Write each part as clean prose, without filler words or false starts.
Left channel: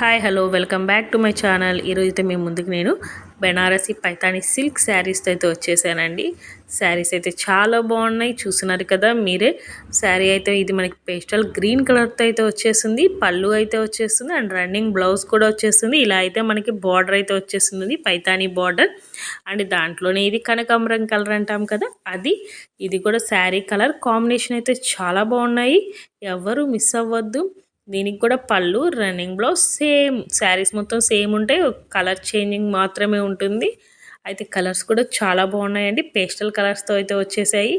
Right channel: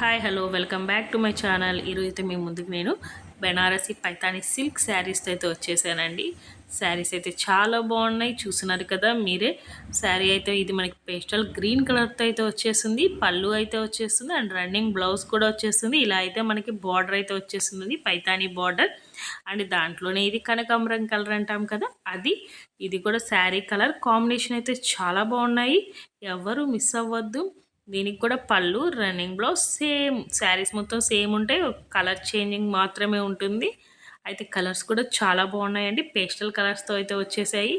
Hi hello welcome back to my channel. ఈరోజైతే మేము ముందుకు నేను బెనారసి పైతాని సిల్క్ శారీస్తో అయితే వచ్చేసానండి. శారీస్ అయితే చాలా బాగున్నాయి, చూస్తున్నారు కదా మీరే. శారీ అయితే ఇది మనకి పేస్టల్ గ్రీన్ కలర్తో అయితే వచ్చేసింది. పళ్ళు అయితే వచ్చేస్తుంది అండ్ రన్నింగ్ బ్లౌజ్ కూడా వచ్చేస్తుంది. ఇలా అయితే మనకి బార్డర్ అయితే వచ్చేస్తుంది, పైతాని బార్డర్. అండ్ దాంట్లోనే ఇది కనకాంబరం కలర్ అంటాం కదా, అది. ఇది కూడా శారీ కలర్ కాంబినేషన్ అయితే చాలా బాగున్నాయి, ఎవరు మిస్ అవ్వద్దు. దీనికి కూడా పళ్ళు, రన్నింగ్ బ్లౌజ్ సేమ్. శారీస్ మొత్తం సేమ్ ఉంటాయి, కలర్ చేంజింగ్ మాత్రమే ఉంటుంది. అయితే కలర్స్ కూడా చాలా బాగున్నాయండి. పేస్టల్ కలర్స్తో అయితే వచ్చేసాయి,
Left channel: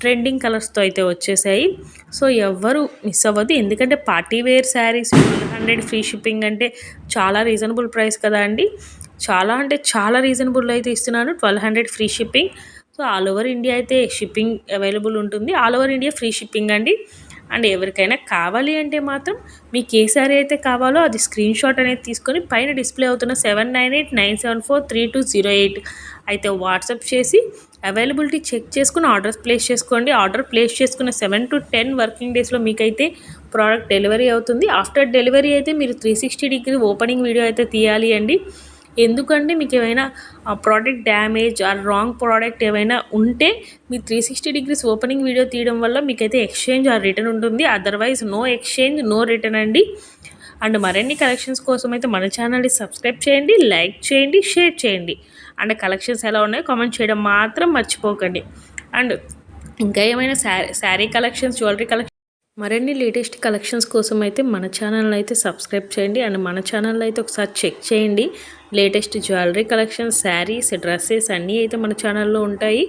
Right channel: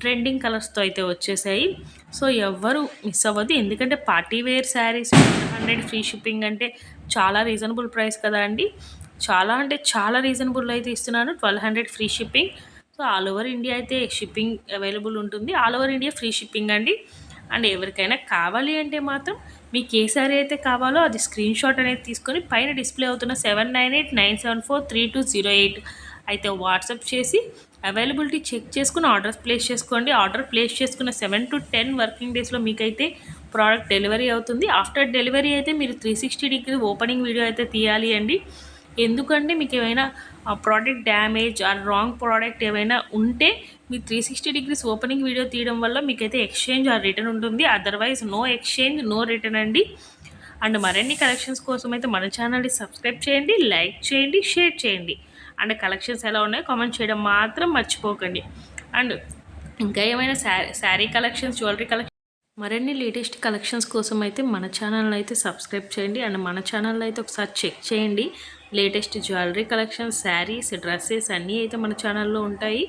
ట్రెండింగ్ కలర్స్తో అయితే వచ్చేసాయి. సో ఎవ్వరు మిస్ అవ్వద్దు, ఎందుకంటే party wear saris 100 free shipping అంటే చాలా రీజనబుల్ ప్రైస్ కదా అండి. చాలా అంటే చాలా రీజనబుల్ అయితే ఇస్తున్నాను, 1200 free shipping. So all over India అయితే షిప్పింగ్ అవైలబుల్ ఉంటుంది, all over India free shipping అండి. అండ్ ఎవరికైనా కావాలి అంటే మాత్రం మీకు ఏ సారీ అయితే కావాలో అది స్క్రీన్ షాట్ అనేది తీసుకొని పైన డిస్ప్లే అవుతున్న 7989743208 అయితే వాట్సాప్ చేసి అవైలబిలిటీ చెక్ చేసుకుని ఆర్డర్స్ ప్లేస్ చేసుకోండి. ఆర్డర్ ప్లేస్ చేసుకున్న 7 to 10 వర్కింగ్ డేస్లో మీకైతే ప్రోడక్ట్ డెలివరీ అవుతుంది. ఆఫ్టర్ డెలివరీ అయితే మీరు 360 డిగ్రీ ఓపెనింగ్ వీడియో అయితే తీయాలి అండి. ఎందుకంటే మీకు ఏమైనా product damage are wrong product ఏమైనా ఉంటే మీ 360 డిగ్రీస్ ఓపెనింగ్ వీడియో తీయడం వల్ల మీకైతే ఎక్స్చేంజ్ ఆర్ రిటర్న్ ఉంటుంది. Otherwise no exchange, no return అండి. అండ్ మరిన్ని కలెక్షన్స్ కోసం అయితే మన ఛానల్ని సబ్స్క్రైబ్ చేయండి, లైక్ చేయండి, షేర్ చేయండి. అండ్ కలెక్షన్స్ ఎలా ఉన్నాయో కామెంట్ చేయడం మాత్రం మర్చిపోకండి. అండ్ ఇంకా ఏమైనా శారీ కలెక్షన్స్, జ్యువెలరీ కలెక్షన్, మరిన్ని లేటెస్ట్ కలెక్షన్స్ కోసం అయితే మన ఛానల్ని అయితే సబ్స్క్రైబ్ చేయండి. అండ్ మన ఛానల్లో అయితే ఒకసారి చెక్ చేయండి. Latest jewellery collections, saris, dresses అన్నీ అయితే మన ఛానల్లో ఉంటాయి.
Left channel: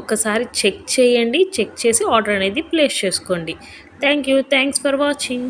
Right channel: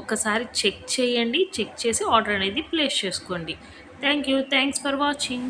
ఒక్కసారి చెక్ చేయండి, చెక్ చేసి ఆర్డర్ అనేది ప్లేస్ చేసుకోండి. Thanks for watching.